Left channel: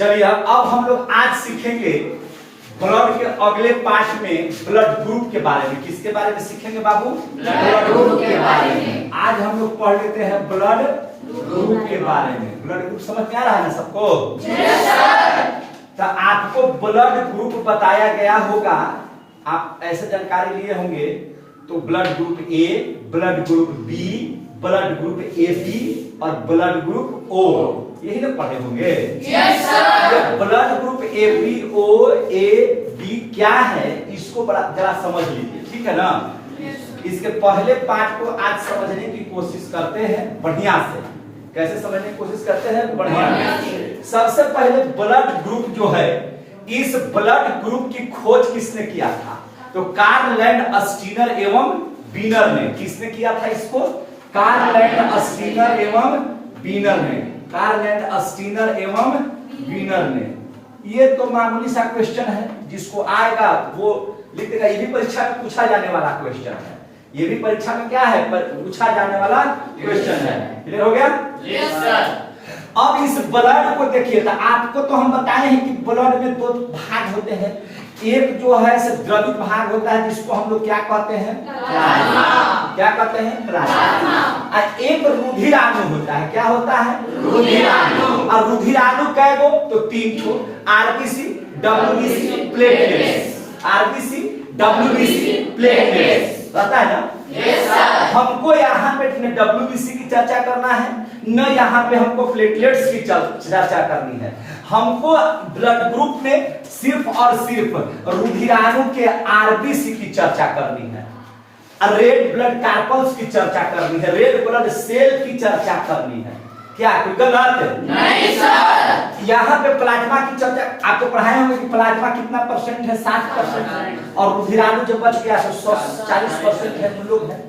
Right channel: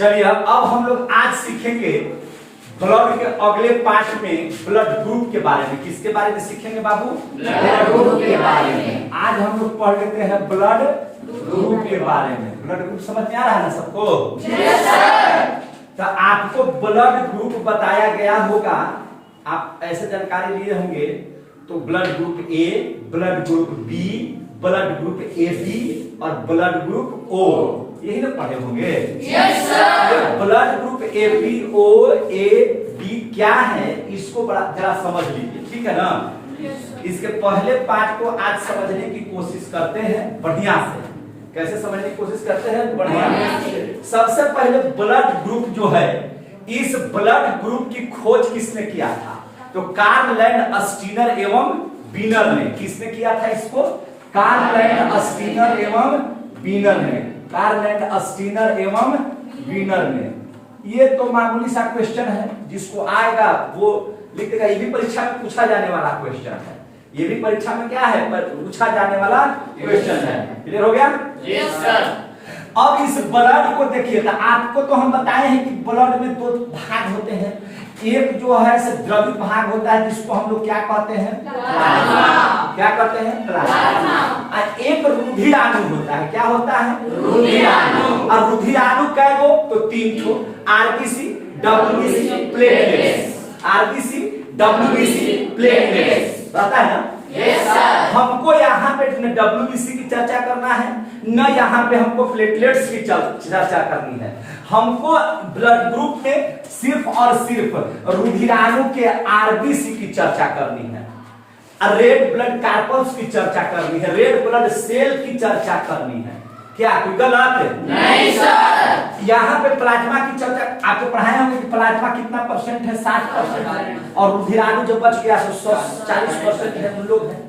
चलिए अब हम लोग आज सीखेंगे ब्लड के अगले पार्ट में ब्लड ग्रुप के बारे में। किसके बारे में सीखेंगे बाबू? ब्लड ग्रुप के बारे में। आज हम लोग पढ़ लेते हैं ब्लड ग्रुप के बारे में। ब्लड ग्रुप समझ में आ रहा है ना सबको? Yes sir. तो आपको ब्लड ग्रुप बताया गया होगा, आप ऐसे जानकारी लिए होंगे तो blood group A, blood group B, blood group A B और ब्लड ग्रुप ओ, यही ना पढ़े होंगे। Yes sir. Blood group A B O A B क्या है इसको बड़ा जरा समझ लीजिए, ठीक है ना? इसके पहले पार्ट को आज समझने की कोशिश करते हैं बढ़िया से। कैसे समझने की कोशिश करते हैं? बढ़िया से। सबसे पहले ब्लड ग्रुप जो है, इस ब्लड ग्रुप की खोज किसने किया था? तो कार्ल लैंड स्टीनर एवं बीनर ने। किसने किया था इसको? कार्ल लैंड स्टीनर एवं बीनर ने। कार्ल लैंड स्टीनर एवं बीनर ने। ये तो मामूली सा क्वेश्चन है, जिसको आएगा वो लिख देगा। ये भी परीक्षा में पूछा जाने वाला क्वेश्चन है। ये भी परीक्षा में क्या है? पूछा जाने वाला क्वेश्चन है। क्लियर हो गया? Yes sir. अब इस ब्लड को देखिए, तो आपको तो हम बताए हैं कि ब्लड में दो भाग होते हैं। एक जो है द्रवित भाग होता है जिसको हम लोग क्या कहते हैं? प्लाज्मा। क्या कहते हैं? प्लाज्मा। और एक रुधिराणु होता है। क्या होता है? रुधिराणु। और रुधिराणु कै गो? तो 3 ठो। RBC, WBC, platelets. RBC, WBC, platelets. पता है ना? Yes sir. हमको यहाँ पे डब्ल्यूबीसी की चर्चा करना है, न यहाँ पे हमको प्लेटलेट्स की चर्चा करनी है। हमको ब्लड ग्रुप में सिर्फ और सिर्फ रुधिराणु के आरबीसी की चर्चा करनी है, रेड ब्लड कार्पल्स की चर्चा करनी है, रेड ब्लड सेल की चर्चा करनी है। क्या कोई गलत है? नहीं सर। यहाँ पे प्लाज्मा की चर्चा आपको पढ़ाए होंगे कि प्लाज्मा कितना परसेंट है? 60%। और रुधिराणु जब बच गया तो 40% है, हम लोग हैं।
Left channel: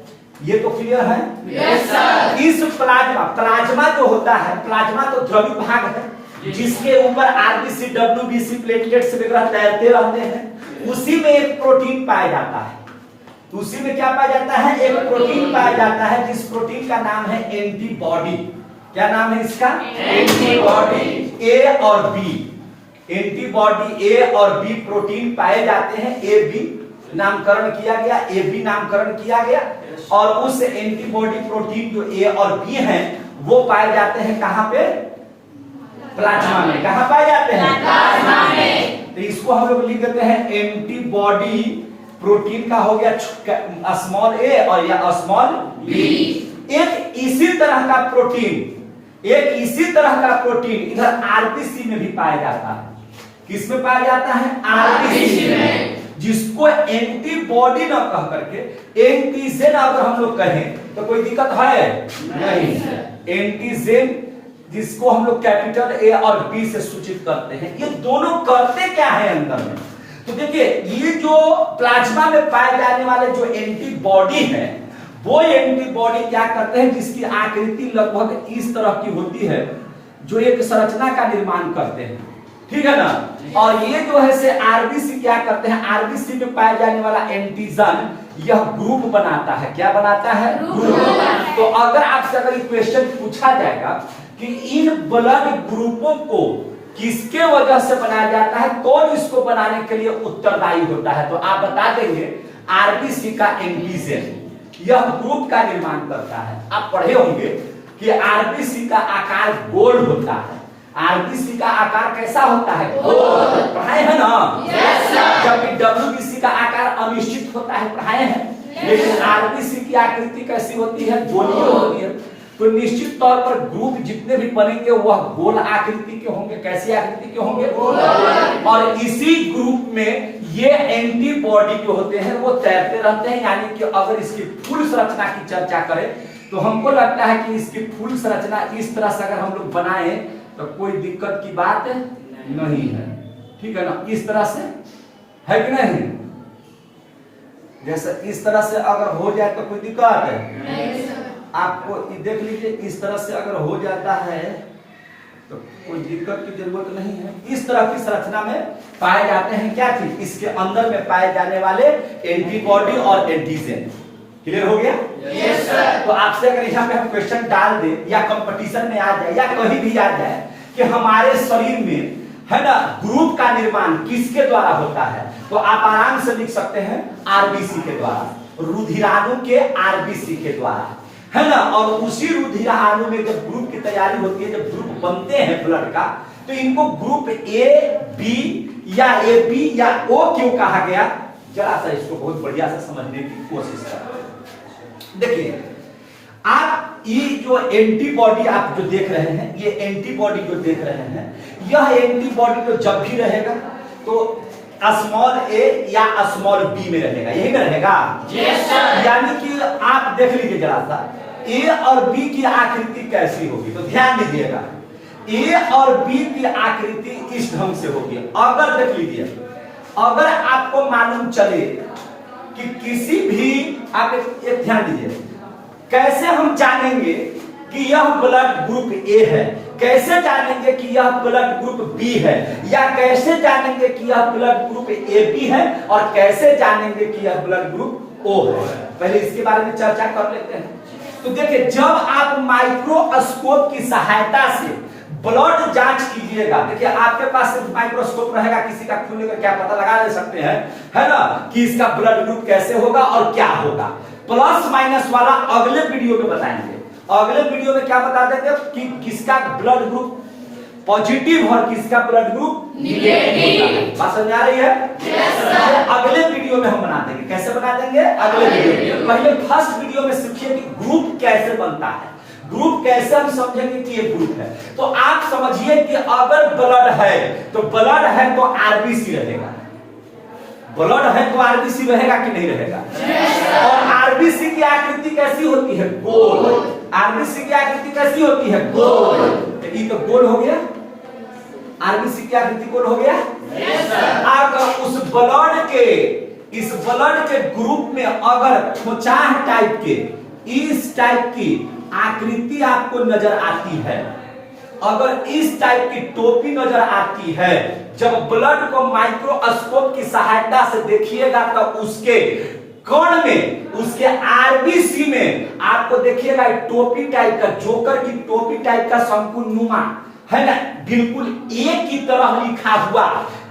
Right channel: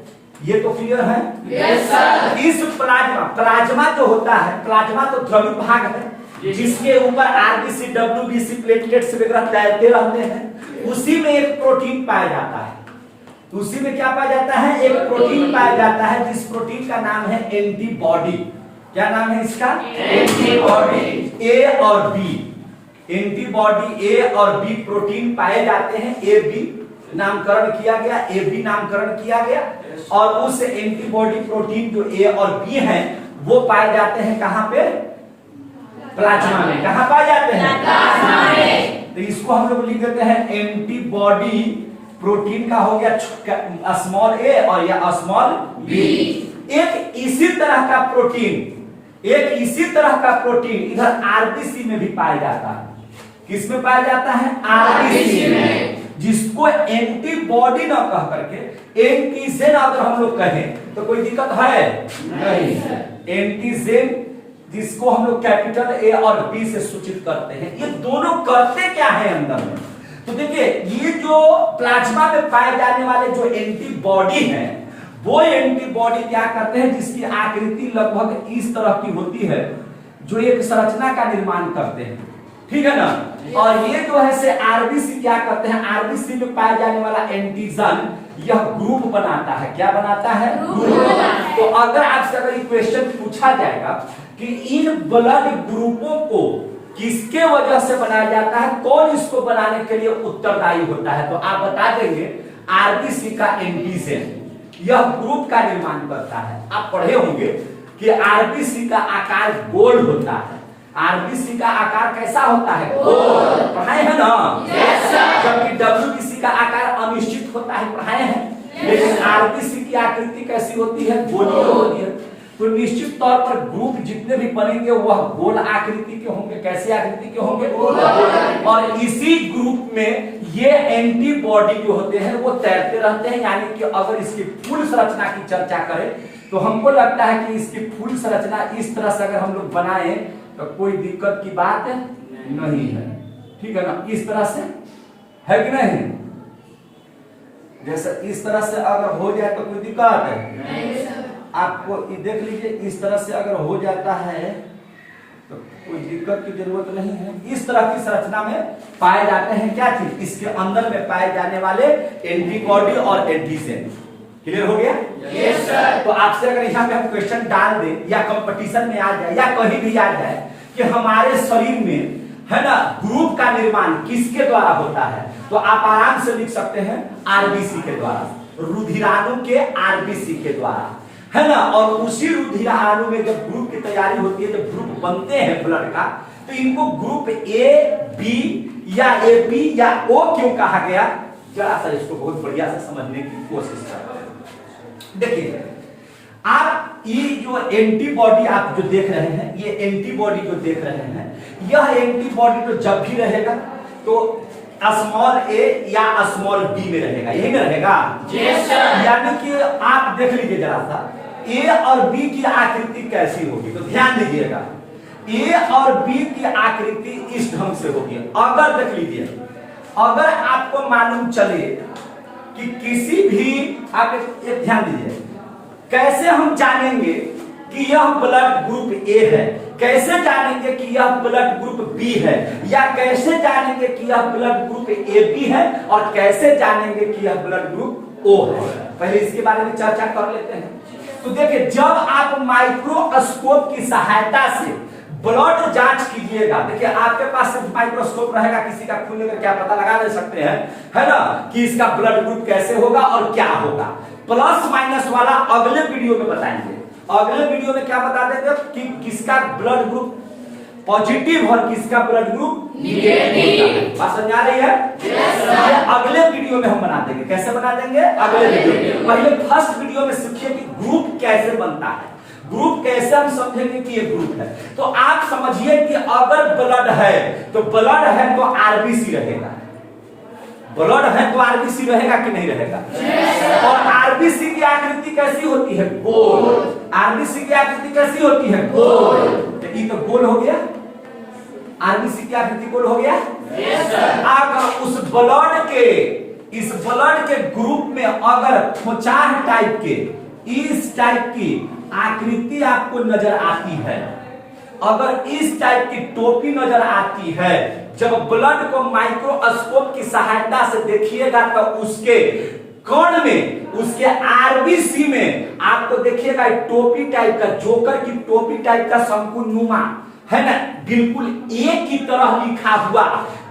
ये तो क्लियर है? Yes sir. इस प्लाज्मा जो होता है, प्लाज्मा तो द्रवित भाग है जिसके ऊपर आरबीसी, डब्ल्यूबीसी, प्लेटलेट्स वगैरह तैरते रहते हैं। उसी में एक प्रोटीन पाया जाता है। उसी में क्या पाया जाता है? एक प्रोटीन पाया जाता है, जिस प्रोटीन का नाम है एंटीबॉडी। क्या नाम है इसका? एंटीबॉडी। ए और बी, एंटीबॉडी ए और बी प्रोटीन पाए जाते हैं। ए बी नामकरण किया गया, ए बी नामकरण किया गया। और उस एंटीबॉडी प्रोटीन जो ए और बी हैं वो पाए जाते हैं कहां पे? प्लाज्मा में। कहां पाए जाते हैं? प्लाज्मा में। तो इसको हम लोग लिख देते हैं एंटीबॉडी प्रोटीन का हो गया स्मॉल ए और या स्मॉल बी। एक इसी तरह का प्रोटीन, एक इसी तरह का प्रोटीन इधर आरबीसी में भी पाया जाता है। किस में पाया जाता है? आरबीसी में। जिसको एंटीबॉडी ना कह करके एंटीजन अगर हम लोग कहें तो कोई दिक्कत है? नहीं। एंटीजन जिसको हम लोग कैपिटल ए और बी से सूचित करते हैं। ये दोनों करते क्या है अंदर में? तो देखिए, ये जो प्लाज्मा में पाए जाने वाले जो एंटीबॉडी है, वो एंटीबॉडी क्या करते हैं, जिसकी आकृति लगभग इस तरह की होती है, जो एक संरचना का निर्माण करते हैं। ठीक है ना? और ये जो है से आरबीसी क्या करते हैं? आरबीसी में पाए जाने वाला एंटीजन यह ग्रुप बनाता है। क्या बनाता है? ग्रुप। तो अगर आपसे अगर क्वेश्चन पूछा जाएगा कि इन ब्लड ग्रुपों को किसके वजह से बनाया जाता है, कौन इसको बनाने के लिए उत्तरदायी होता है, तो आप बता देंगे आरबीसी का एंटीजन यह ग्रुप का निर्माण करता है। आप पढ़े होंगे कि आरबीसी का आकार गोल होता है। आरबीसी का आकार कैसा होता है? गोल। पढ़ाए हैं ना? Yes sir. जबकि डब्ल्यूबीसी का आकार अनिश्चित होता है। पढ़ाए हैं। लेकिन आरबीसी की आकृति कैसी होती है? गोलीय होती है। तो निश्चित तौर पर ग्रुप जितने भी बनेंगे वह गोल आकृति के होंगे। कैसी आकृति के होंगे? और इसी ग्रुप में ये एंटीबॉडी जो होते हैं वो तैरते रहते हैं। यानी कि अगर इसकी फुल संरचना की चर्चा करें तो हमको लगता है कि इसकी फुल संरचना इस तरह से अगर हम लोग बनाए तो कोई दिक्कत की बात नहीं है। ठीक है ना? इस तरह से है कि नहीं? जैसे इस तरह से अगर हो जाए तो कोई दिक्कत है? आपको देख लीजिए, इस तरह से अगर हो जाता है तो कोई दिक्कत की जरूरत नहीं है। इस तरह की संरचना में पाए जाते हैं क्या चीज? इसके अंदर में पाए जाने वाले एंटीबॉडी और एंटीजन। क्लियर हो गया? Yes sir. तो आपसे अगर यहाँ पे हम क्वेश्चन डाल दें या कंपटीशन में आ जाए या कहीं भी आ जाए कि हमारे शरीर में है ना, ग्रुप का निर्माण किसके द्वारा होता है? तो आप आराम से लिख सकते हैं आरबीसी के द्वारा, रुधिराणु के आरबीसी के द्वारा, है ना। और उसी रुधिराणु में जब ग्रुप की तैयारी होती है, जब ग्रुप बनते हैं ब्लड का, तो इनको ग्रुप ए बी या ए बी या ओ क्यों कहा गया? जरा सा इसको बहुत बढ़िया से समझने की कोशिश करें। देखिए, आप ये जो एंटीबॉडी आप जो देख रहे हैं, ये एंटीबॉडी जो देख रहे हैं, यह एंटीबॉडी तो जब भी रहेगा तो स्मॉल ए या स्मॉल बी में रहेगा, यही में रहेगा। Yes sir. यानी कि आप देख लीजिए जरा सा, ए और बी की आकृति कैसी होगी, तो ध्यान दीजिएगा। ए और बी की आकृति इस ढंग से होगी। अगर देख लीजिए, अगर आपको मालूम चले कि किसी भी, आप एक ध्यान दीजिए, कैसे हम जानेंगे कि यह ब्लड ग्रुप ए है, कैसे जानेंगे कि यह ब्लड ग्रुप बी है, या कैसे जानेंगे कि यह ब्लड ग्रुप ए बी है, और कैसे जानेंगे कि यह ब्लड ग्रुप ओ है? पहले इसके बारे में चर्चा कर लेते हैं। तो देखिए, जब आप माइक्रोस्कोप की सहायता से ब्लड जांच कीजिएगा, देखिए आपके पास सिर्फ माइक्रोस्कोप रहेगा, किसी का खून लेकर क्या पता लगा ले सकते हैं, है ना, कि इसका ब्लड ग्रुप कैसे होगा और क्या होगा। प्लस माइनस वाला अगले वीडियो में बताएंगे। अगले वीडियो में क्या बता देते हैं कि किसका ब्लड ग्रुप पॉजिटिव और किसका ब्लड ग्रुप नेगेटिव। बात समझ आ रही है? Yes sir. अगले वीडियो में हम बना देंगे। कैसे बना देंगे? अगले वीडियो में। पहले फर्स्ट वीडियो में सीखिए कि ग्रुप कैसे बनता है, ग्रुप कैसे हम समझेंगे कि ये ग्रुप है। तो आप समझिए कि अगर ब्लड है तो ब्लड है तो आरबीसी रहेगा, ब्लड है तो आरबीसी रहेगा कि नहीं रहेगा? और आरबीसी की आकृति कैसी होती है? गोल। आरबीसी की आकृति कैसी होती है? गोल। तो ये तो गोल हो गया, आरबीसी की आकृति गोल हो गया। अगर उस ब्लड के, इस ब्लड के ग्रुप में अगर खोचाह टाइप के, इस टाइप की आकृति आपको नजर आती है, अगर इस टाइप की टोपी नजर आती है, जब ब्लड को माइक्रोस्कोप की सहायता से देखिएगा तो उसके कण में, उसके आरबीसी में आपको देखिएगा टोपी टाइप का, जोकर की टोपी टाइप का शंकुनुमा नुमा, है ना, बिल्कुल एक की तरह लिखा हुआ।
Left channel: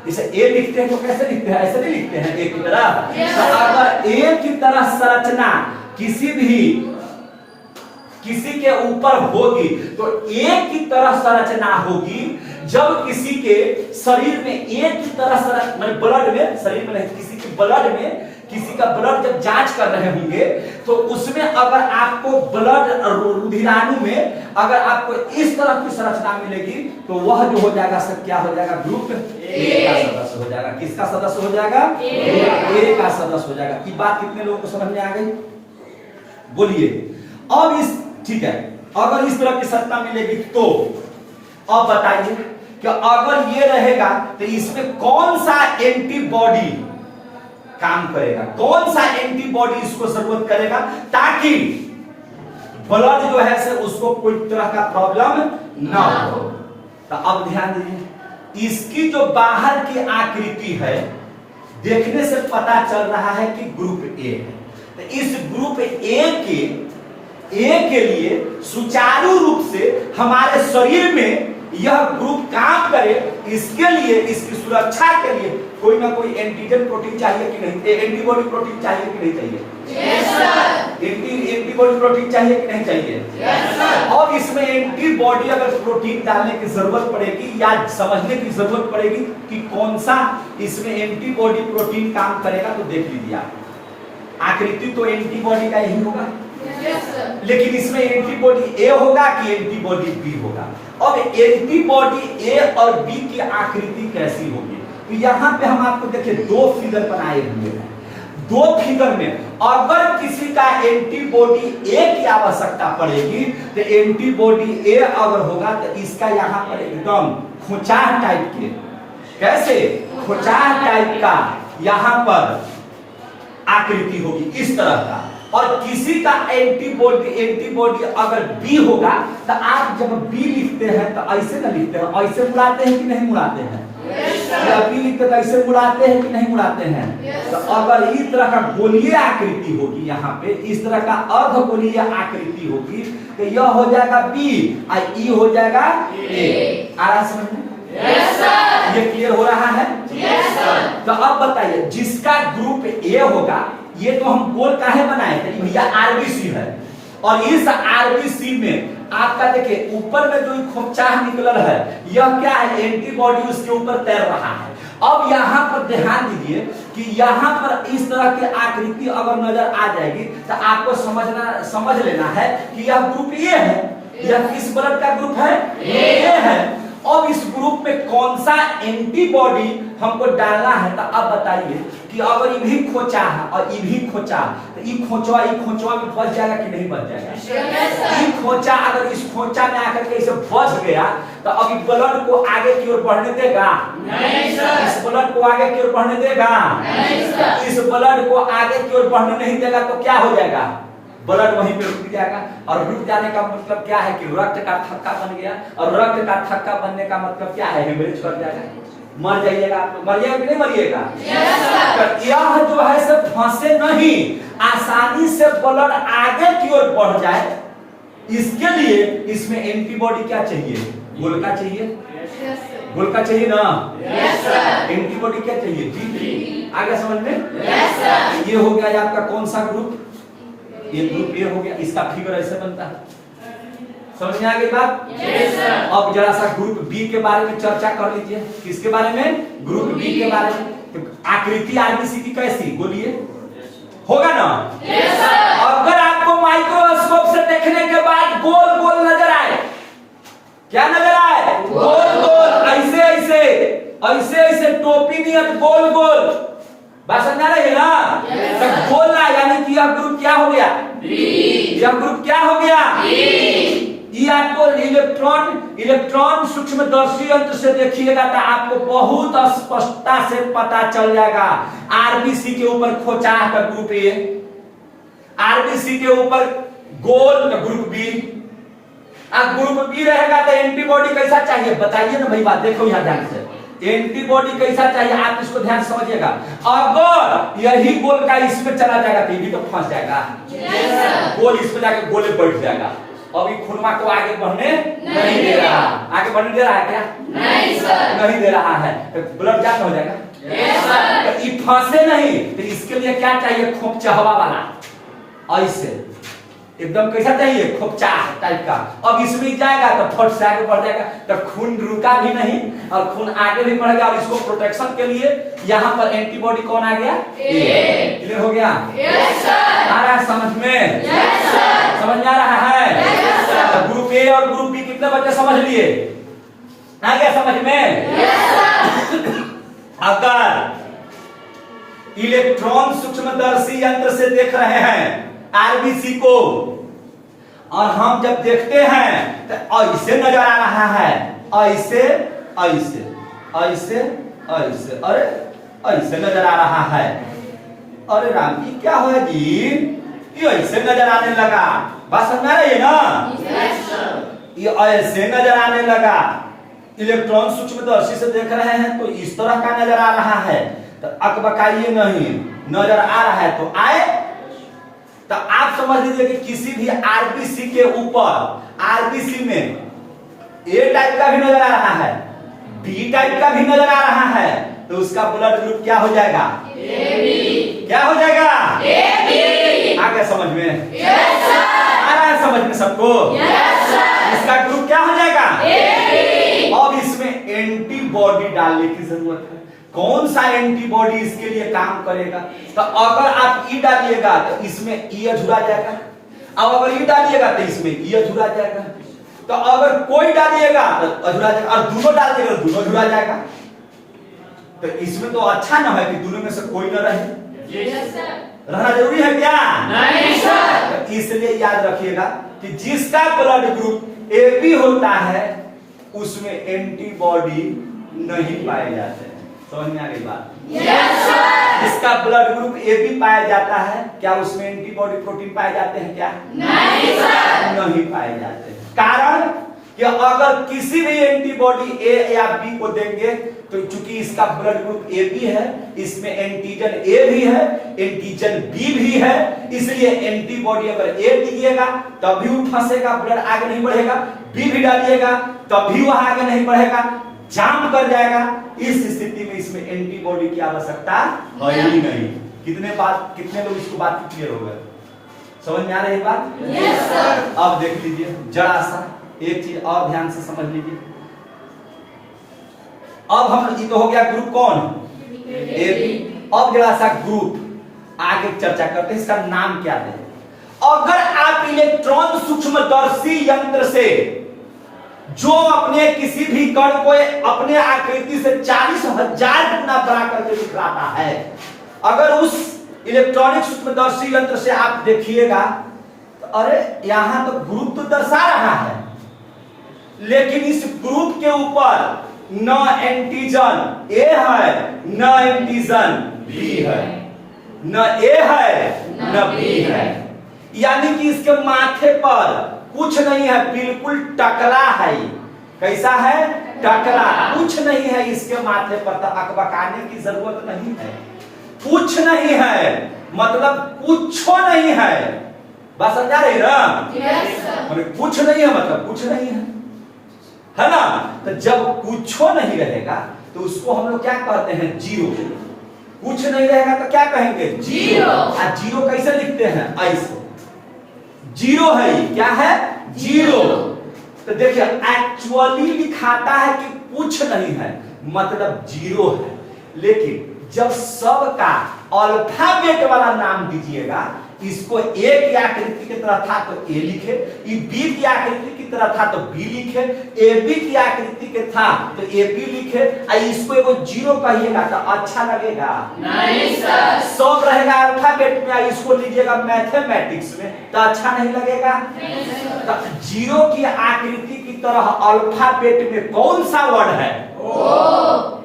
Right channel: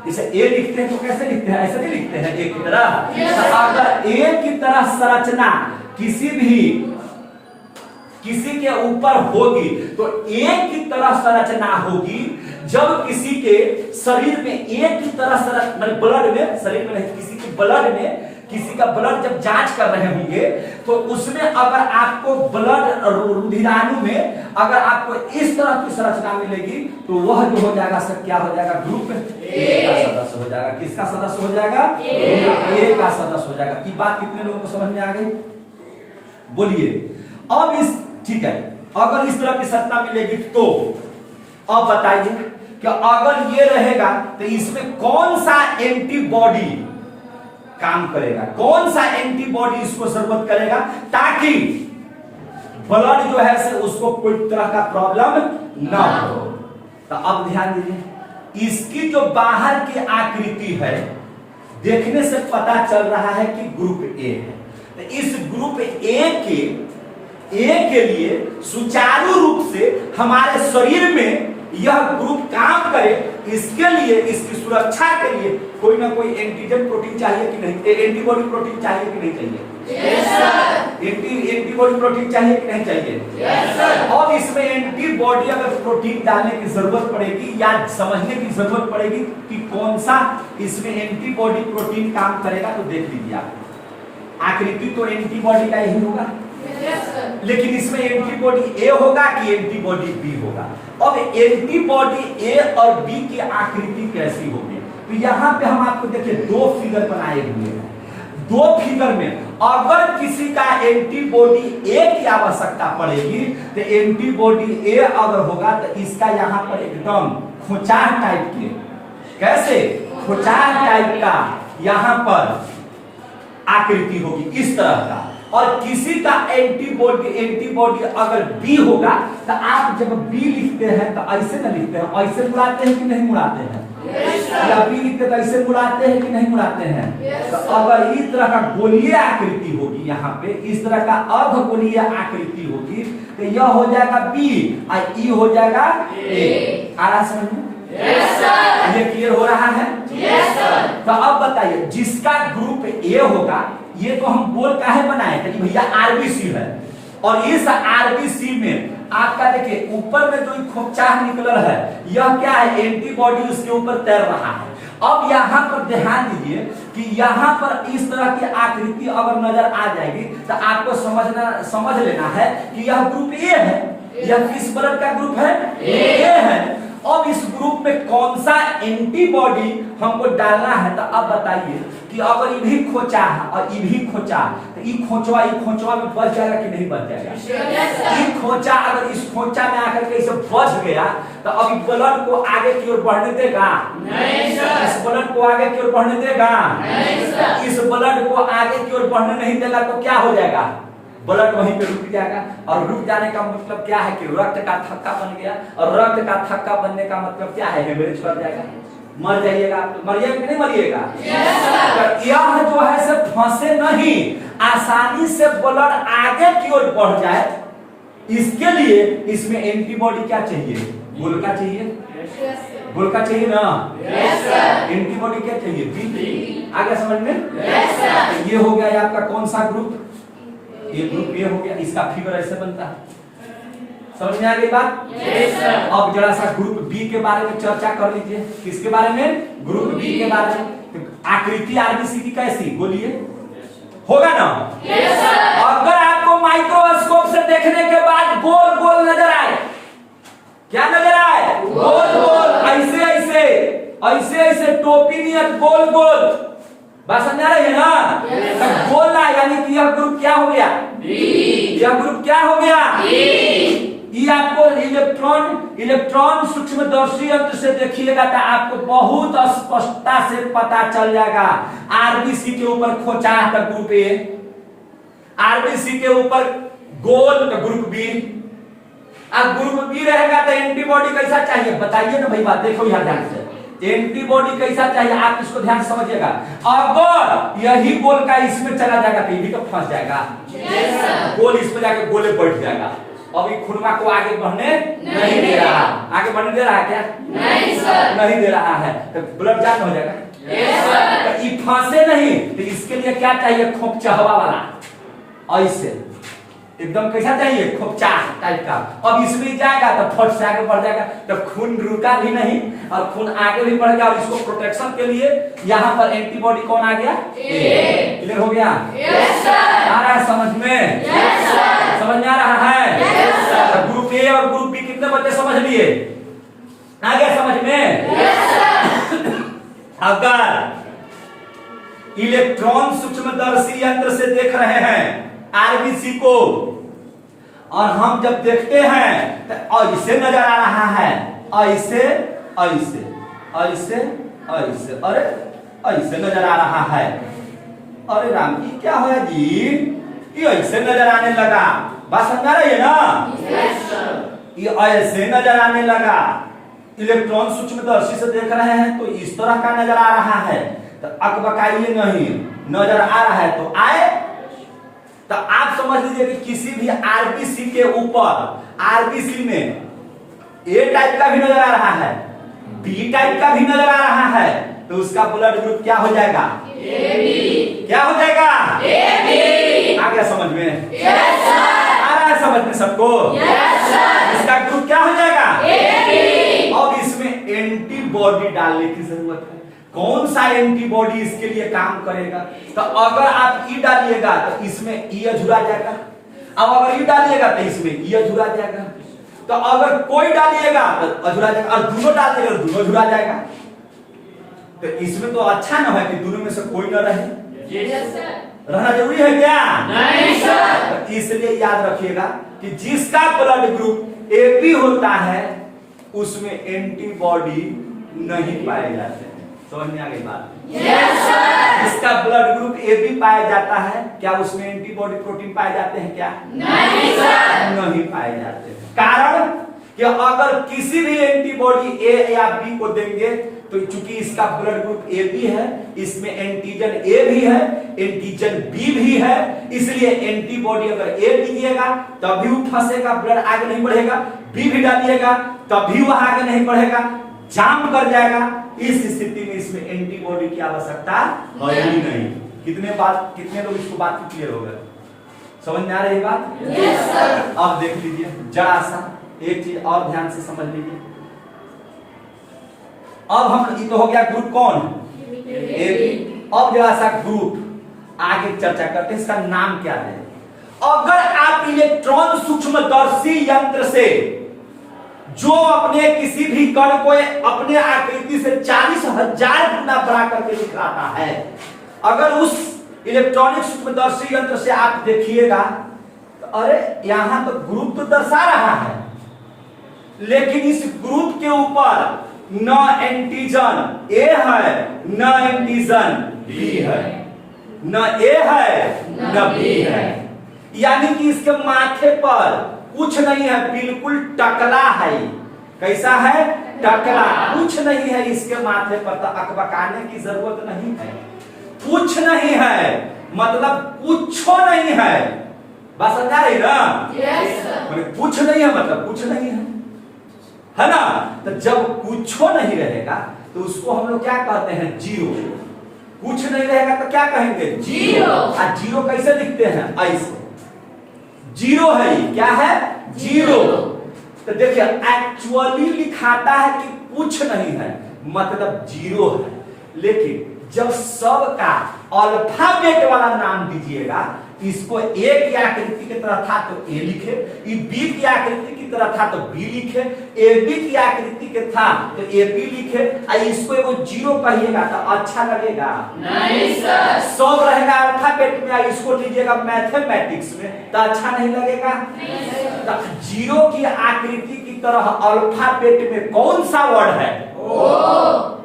जैसे ए लिखते हैं तो कैसे लिखते हैं? ऐसे नहीं लिखते हैं एक की तरह। तो अगर एक की तरह संरचना किसी के ऊपर होगी तो एक की तरह संरचना होगी। जब किसी के शरीर में एक की तरह मतलब ब्लड में, शरीर में नहीं, किसी के ब्लड में, किसी का ब्लड जब जांच कर रहे होंगे तो उसमें अगर आपको ब्लड रुधिराणु में अगर आपको इस तरह की संरचना मिलेगी तो वह जो हो जाएगा सर क्या हो जाएगा? ग्रुप ए का सदस्य हो जाएगा। किसका सदस्य हो जाएगा? ए का सदस्य हो जाएगा। ये बात कितने लोगों को समझ में आ गई? बोलिए। अब इस, ठीक है, अगर इस तरह की संरचना मिलेगी तो अब बताइए कि अगर ये रहेगा तो इसमें कौन सा एंटीबॉडी काम करेगा, कौन सा एंटीबॉडी इसको जरूरत करेगा ताकि ब्लड जो है से उसको कोई तरह का प्रॉब्लम ना हो। तो अब ध्यान दीजिए, इसकी जो बाहर की आकृति है देखने से पता चल रहा है कि ग्रुप ए है। तो इस ग्रुप ए के लिए सुचारू रूप से हमारे शरीर में यह ग्रुप काम करे, इसके लिए, इसकी सुरक्षा के लिए कोई ना कोई एंटीजन प्रोटीन चाहिए कि नहीं? एंटीबॉडी प्रोटीन चाहिए कि नहीं चाहिए? Yes sir. एंटीबॉडी प्रोटीन चाहिए कि नहीं चाहिए? Yes sir. और इसमें एंटीबॉडी अगर प्रोटीन डालने की जरूरत पड़ेगी या समझने की जरूरत पड़ेगी कि कौन सा इसमें एंटीबॉडी प्रोटीन काम करेगा, तो देख लीजिए आप, आकृति तो एंटीबॉडी का यही होगा, लेकिन इसमें एंटीबॉडी ए होगा कि एंटीबॉडी बी होगा। अब एंटीबॉडी ए और बी की आकृति कैसी होगी? तो यहाँ पे हम आपको देखिए दो फिगर बनाए हुए हैं। दो फिगर में अगर किसी का एंटीबॉडी ए की आवश्यकता पड़ेगी तो एंटीबॉडी ए अगर होगा तो इसका यहाँ पर एकदम खोचाह टाइप के, कैसे खोचाह टाइप का यहाँ पर आकृति होगी इस तरह का। और किसी का एंटीबॉडी अगर बी होगा तो आप जब बी लिखते हैं तो ऐसे ना लिखते हैं, ऐसे मुड़ाते हैं कि नहीं मुड़ाते हैं? या बी लिखते तो ऐसे मुड़ाते हैं कि नहीं मुड़ाते हैं? तो अगर इस तरह का गोलीय आकृति होगी, यहाँ पे इस तरह का अर्ध गोलीय आकृति होगी तो यह हो जाएगा बी और ई हो जाएगा ए। आ रहा समझ में? Yes sir. क्लियर हो रहा है? Yes sir. तो अब बताइए जिसका ग्रुप ए होगा, ये तो हम गोल काहे बनाए थे कि भैया आरबीसी है, और इस आरबीसी में आपका देखिए ऊपर में जो खोपचाह निकलल है, यह क्या है? एंटीबॉडी उसके ऊपर तैर रहा है। अब यहाँ पर ध्यान दीजिए कि यहाँ पर इस तरह की आकृति अगर नजर आ जाएगी तो आपको समझ लेना है कि यह ग्रुप ए है। यह किस ब्लड का ग्रुप है? ए है। अब इस ग्रुप में कौन सा एंटीबॉडी हमको डालना है? तो अब बताइए कि अगर ये भी खोचा है और ये भी खोचा, तो ये खोचवा में बच जाएगा कि नहीं बच जाएगा? ये खोचा अगर इस खोचा में आकर के इसे बच गया तो अब ब्लड को आगे की ओर बढ़ने देगा? नहीं सर। इस ब्लड को आगे की ओर बढ़ने देगा? नहीं सर। इस ब्लड को आगे की ओर बढ़ने नहीं देगा तो क्या हो जाएगा? ब्लड वहीं पे रुक जाएगा। और रुक जाने का मतलब क्या है कि रक्त का थक्का बन गया, और रक्त का थक्का बनने का मतलब क्या है? हेमरेज कर जाएगा, मर जाइएगा। मरिएगा कि नहीं मरिएगा? तो यह जो है सब फंसे नहीं, आसानी से ब्लड आगे की ओर बढ़ जाए, इसके लिए इसमें एंटीबॉडी क्या चाहिए? गोलका चाहिए, गोलका चाहिए ना? एंटीबॉडी क्या चाहिए? बी। आगे समझ में? ये हो गया आपका कौन सा ग्रुप? ये ग्रुप ए हो गया। इसका फिगर ऐसे बनता है। समझ में आ गई बात? Yes sir. अब जरा सा ग्रुप बी के बारे में चर्चा कर लीजिए। किसके बारे में? ग्रुप बी के बारे में। तो आकृति आरबीसी की कैसी? बोलिए, होगा ना? Yes sir. अगर आपको माइक्रोस्कोप से देखने के बाद गोल गोल नजर आए, क्या नजर आए? गोल गोल, ऐसे ऐसे ऐसे ऐसे टोपी नियत गोल गोल, बात समझ आ रही है ना? तो गोल ना, यानी कि यह ग्रुप क्या हो गया? बी। यह ग्रुप क्या हो गया? बी। ये आपको इलेक्ट्रॉन सूक्ष्मदर्शी यंत्र से देखिएगा तो आपको बहुत स्पष्टता से पता चल जाएगा। आरबीसी के ऊपर खोचा का ग्रुप ए, आरबीसी के ऊपर गोल का ग्रुप बी। अब ग्रुप बी रहेगा तो एंटीबॉडी कैसा चाहिए? बताइए ना भाई, बात देखो यहाँ ध्यान से। एंटीबॉडी कैसा चाहिए आप इसको ध्यान से समझिएगा। अगर यही गोल का इसमें चला जाएगा तो ये भी तो फंस जाएगा। गोल इस पे जाके गोले बैठ जाएगा। अभी खुरमा को आगे बढ़ने नहीं दे रहा। आगे बढ़ने दे रहा है क्या? नहीं सर। नहीं दे रहा है तो ब्लड जाम हो जाएगा। Yes sir. तो ये फंसे नहीं तो इसके लिए क्या चाहिए? खोपचा हवा वाला, ऐसे एकदम कैसा चाहिए? खोपचा टाइप का। अब इसमें जाएगा तो फट से आगे बढ़ जाएगा, तो खून रुका भी नहीं और खून आगे भी बढ़ेगा। और इसको प्रोटेक्शन के लिए यहाँ पर एंटीबॉडी कौन आ गया? ए। क्लियर हो गया? Yes sir. आ रहा है समझ में? Yes sir. समझ में आ रहा है? Yes sir. ग्रुप ए और ग्रुप बी कितने बच्चे समझ लिए? आ गया समझ में? Yes sir. अगर इलेक्ट्रॉन सूक्ष्मदर्शी यंत्र से देख रहे हैं आरबीसी को, और हम जब देखते हैं तो ऐसे नजर आ रहा है, ऐसे ऐसे ऐसे ऐसे, अरे ऐसे नजर आ रहा है। अरे राम जी क्या हुआ जी? ये ऐसे नजर आने लगा। बात समझ आ रही है ना? Yes sir. ये ऐसे नजर आने लगा। इलेक्ट्रॉन सूक्ष्मदर्शी से देख रहे हैं तो इस तरह का नजर आ रहा है, तो अकबकाइए नहीं, नजर आ रहा है तो आए। तो आप समझ लीजिए कि किसी भी आरबीसी के ऊपर, आरबीसी में ए टाइप का भी नजर आ रहा है, बी टाइप का भी नजर आ रहा है, तो उसका ब्लड ग्रुप क्या हो जाएगा? AB। क्या हो जाएगा? AB। आ गया समझ में? Yes sir. आ रहा है समझ में सबको? Yes sir. इसका ग्रुप क्या हो जाएगा? AB। अब इसमें एंटीबॉडी डालने की जरूरत है। कौन सा एंटीबॉडी इसके लिए काम करेगा? तो अगर आप ई डालिएगा तो इसमें ई अधूरा जाएगा, अब अगर ई डालिएगा तो इसमें ई अधूरा जाएगा, तो अगर कोई डालिएगा तो अधूरा जाएगा, और दोनों डालिएगा तो दोनों अधूरा जाएगा। तो इसमें तो अच्छा ना है कि दोनों में से कोई ना रहे। Yes sir. रहना जरूरी है क्या? नहीं सर। तो इसलिए याद रखिएगा कि जिसका ब्लड ग्रुप AB होता है उसमें एंटीबॉडी नहीं पाए जाते हैं। समझ में आ गई बात? Yes sir. जिसका ब्लड ग्रुप AB पाया जाता है, क्या उसमें एंटीबॉडी प्रोटीन पाए जाते हैं क्या? नहीं सर। नहीं पाए जाते हैं। कारण कि अगर किसी भी एंटीबॉडी A या B को देंगे तो चूंकि इसका ब्लड ग्रुप AB है, इसमें एंटीजन A भी है, एंटीजन B भी है, इसलिए एंटीबॉडी अगर A दीजिएगा तभी वो फंसेगा, ब्लड आगे नहीं बढ़ेगा। B भी डालिएगा तभी वह आगे नहीं बढ़ेगा। जाम कर जाएगा। इस स्थिति में इसमें एंटीबॉडी की आवश्यकता है ही नहीं। कितने लोग इसको बात क्लियर हो गए? समझ में आ रही बात? Yes sir. अब देख लीजिए जरा सा एक चीज और ध्यान से समझ लीजिए। अब हम ये तो हो गया ग्रुप कौन? एबी। अब जरा सा ग्रुप आगे चर्चा करते हैं, इसका नाम क्या है। अगर आप इलेक्ट्रॉन सूक्ष्मदर्शी यंत्र से जो अपने किसी भी कण को अपने आकृति से 40,000 गुना बड़ा करके दिखलाता है, अगर उस इलेक्ट्रॉनिक सूक्ष्मदर्शी यंत्र से आप देखिएगा तो अरे यहां तो ग्रुप तो दर्शा रहा है, लेकिन इस ग्रुप के ऊपर न एंटीजन ए है न एंटीजन बी है, न ए है न बी है, यानी कि इसके माथे पर कुछ नहीं है, बिल्कुल टकला है। कैसा है? टकला। कुछ नहीं है इसके माथे पर, तो अकबकाने की जरूरत नहीं है। कुछ नहीं है मतलब कुछ नहीं है। बात समझा रही ना? Yes sir. कुछ नहीं है मतलब कुछ नहीं है ना? तो जब कुछ नहीं रहेगा तो उसको हम लोग क्या कहते हैं? जीरो। कुछ नहीं रहेगा तो क्या कहेंगे? जीरो। और जीरो कैसे लिखते हैं? ऐसे जीरो है। क्या है? जीरो। तो देखिए एक्चुअली लिखाता है कि कुछ नहीं है मतलब जीरो है, लेकिन जब सब का अल्फाबेट वाला नाम दीजिएगा, इसको ए की आकृति की तरह था तो ए लिखे, बी की आकृति की तरह था तो बी लिखे, ए बी की आकृति के था तो ए बी लिखे, इसको एगो जीरो कहिएगा तो अच्छा लगेगा? नहीं सर। सब रहेगा अल्फाबेट में, इसको लीजिएगा मैथमेटिक्स में तो अच्छा नहीं लगेगा? नहीं सर। तो जीरो की आकृति की तरह अल्फाबेट में कौन सा वर्ड है? ओ।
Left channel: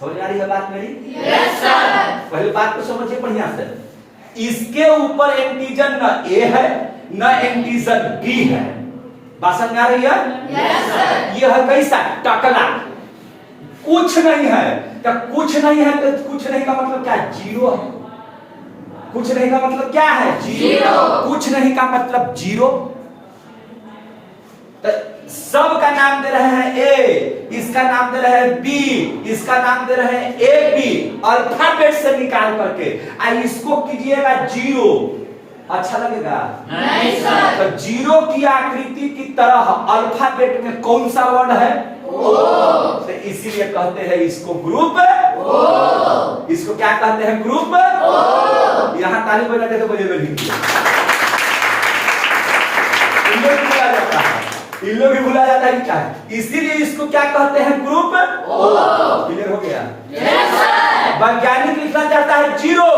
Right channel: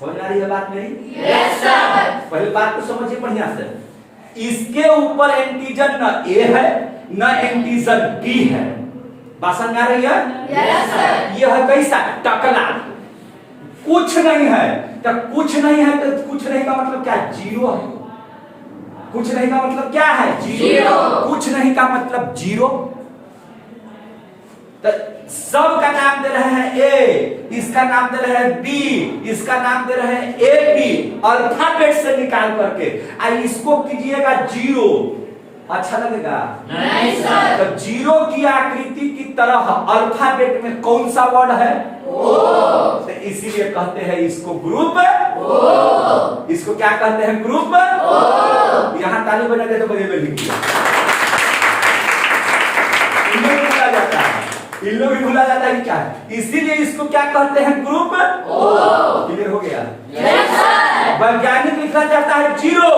समझ आ रही है बात मेरी? Yes sir. पहली बात तो समझिए बढ़िया से, इसके ऊपर एंटीजन न ए है न एंटीजन बी है। बात समझ आ रही है? Yes sir. यह है कैसा? टकला। कुछ नहीं है तो कुछ नहीं है तो कुछ नहीं का मतलब क्या? जीरो है। कुछ नहीं का मतलब क्या है? जीरो। कुछ नहीं का मतलब जीरो। तो सब का नाम दे रहे हैं ए, इसका नाम दे रहे हैं बी, इसका नाम दे रहे हैं ए बी, अल्फाबेट से निकाल करके इसको कीजिएगा जीरो। अच्छा लगेगा? नहीं सर। तो जीरो की आकृति की तरह अल्फाबेट में कौन सा वर्ड है? ओ। तो इसीलिए कहते हैं इसको ग्रुप ओ। इसको क्या कहते हैं? Group O. यहाँ ताली बजाते तो बजे लिख इन लोग भी भूला जाता है क्या है, इसीलिए इसको क्या कहते हैं? ग्रुप ओ। क्लियर हो गया? Yes sir. वैज्ञानिक लिखना चाहता है जीरो,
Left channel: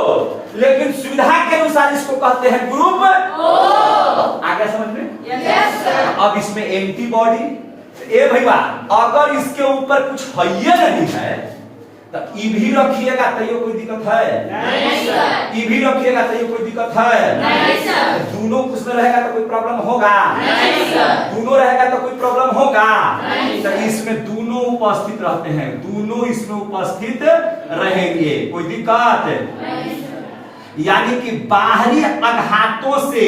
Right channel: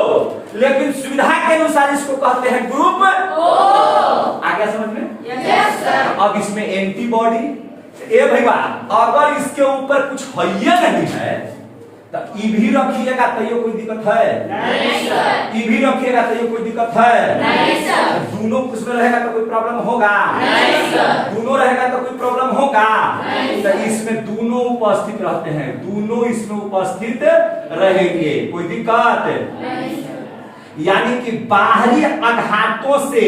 लेकिन सुविधा के अनुसार इसको कहते हैं ग्रुप ओ। आ गया समझ में? Yes sir. अब इसमें एंटीबॉडी ए भैया अगर इसके ऊपर कुछ है नहीं है तो ई भी रखिएगा तो ये कोई दिक्कत है? नहीं सर। ई भी रखिएगा तो ये कोई दिक्कत है? नहीं सर। दोनों उसमें रहेगा तो कोई प्रॉब्लम होगा? नहीं सर। दोनों रहेगा तो कोई प्रॉब्लम होगा? नहीं तो इसमें दोनों उपस्थित रहते हैं, दोनों इसमें उपस्थित रहेंगे, कोई दिक्कत? नहीं सर। यानी कि बाहरी आघातों से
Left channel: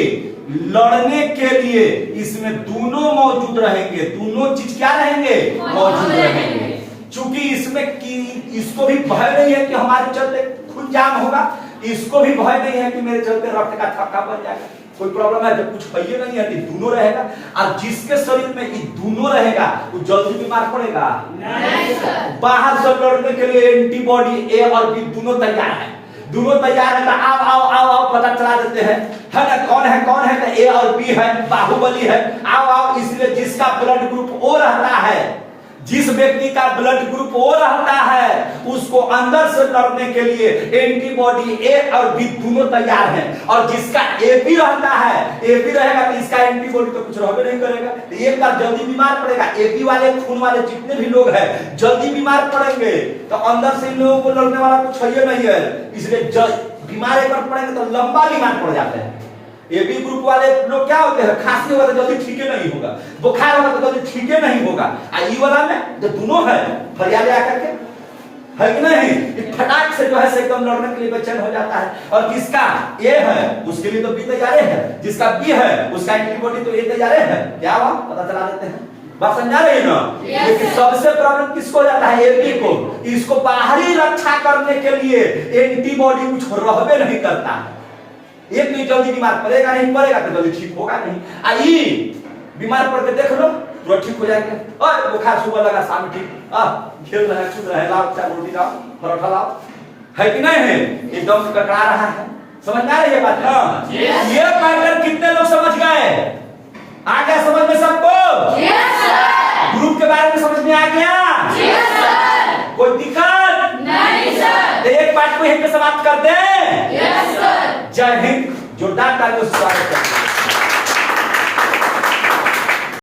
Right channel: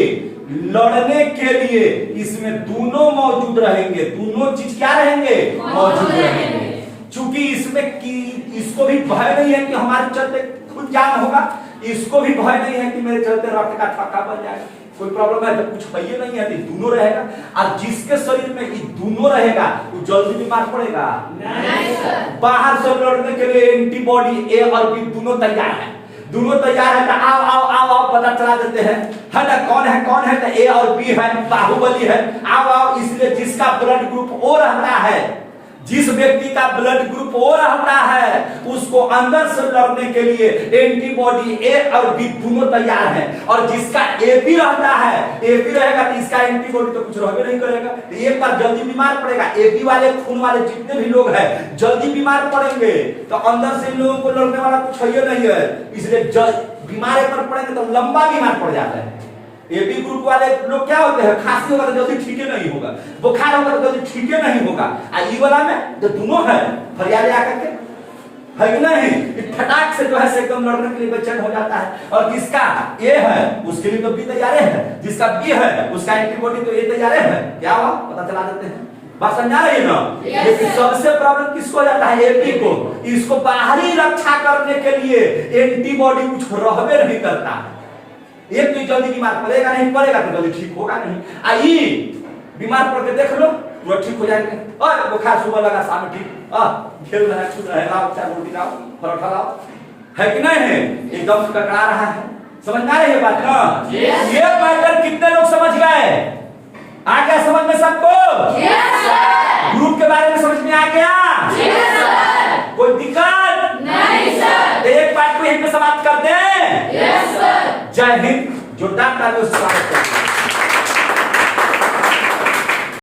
लड़ने के लिए इसमें दोनों मौजूद रहेंगे। दोनों चीज क्या रहेंगे? मौजूद रहेंगे। चूंकि इसमें कि इसको भी भय नहीं है कि हमारे चलते खून जाम होगा, इसको भी भय नहीं है कि मेरे चलते रक्त का थक्का बन जाएगा, कोई प्रॉब्लम है? जब कुछ है नहीं है तो दोनों रहेगा, और जिसके शरीर में ये दोनों रहेगा वो जल्दी बीमार पड़ेगा नहीं सर। बाहर से लड़ने के लिए एंटीबॉडी ए और बी दोनों तैयार है। दोनों तैयार है तो आओ आओ आओ आओ पता चला देते हैं, है ना? कौन है तो ए और बी है, बाहुबली है, आओ आओ। इसलिए जिसका ब्लड ग्रुप ओ रहता है, जिस व्यक्ति का ब्लड ग्रुप ओ रहता है, उसको अंदर से लड़ने के लिए एंटीबॉडी ए और बी दोनों तैयार है। और जिसका ए बी रहता है, ए बी रहेगा तो इसका एंटीबॉडी तो कुछ रहबे नहीं करेगा, तो एक बार जल्दी बीमार पड़ेगा। ए बी वाले खून वाले जितने भी लोग हैं जल्दी बीमार पड़ेंगे, तो अंदर से इन लोगों को लड़ने वाला कुछ है नहीं है, इसलिए बीमार एक बार पड़ेंगे तो लंबा बीमार पड़ जाते हैं। एबी ग्रुप वाले लोग क्या होते हैं? खांसी होगा तो जल्दी ठीक नहीं होगा, बुखार होगा तो जल्दी ठीक नहीं होगा। ई वाला में जो दोनों है फरियादे आकर के, है कि नहीं? फटाक से जो है से एकदम लड़ने के लिए बेचैन हो जाता है। और जिसका ए है उसके लिए तो बी तैयार है, जिसका बी है उसका एंटीबॉडी तो ए तैयार है। क्या हुआ? पता चला देते हैं। बात समझा रही है ना? Yes, लेकिन sir. सबसे प्रॉब्लम किसको जाता है? एंटी को। इसको बाहरी रक्षा करने के लिए एंटीबॉडी कुछ रहबे नहीं करता है। एक भी जल्दी बीमार पड़ेगा नहीं, पड़ेगा तो जल्दी ठीक होगा नहीं। आई बीमार पड़ के देख लो, तुरंत ठीक हो जाएगा। और बुखार सुबह लगा शाम में ठीक, खेल रहा है, कूद रहा है, लाओ चाय रोटी लाओ, परोठा लाओ, है कि नहीं है? एकदम से ककड़ा रहा है। समझ में आ रही है बात ना? Yes. ये पैटर्न कितने लोग समझ गए? आ गया समझ में सबको? Yes, sir. ग्रुप के बारे में समझ में आ गया? Yes, sir. कोई दिक्कत नहीं सर। तो एक पार्ट को यहीं पे समाप्त कर दें। Yes, sir. जय हिंद। जोरदार तालियों से स्वागत करते हैं।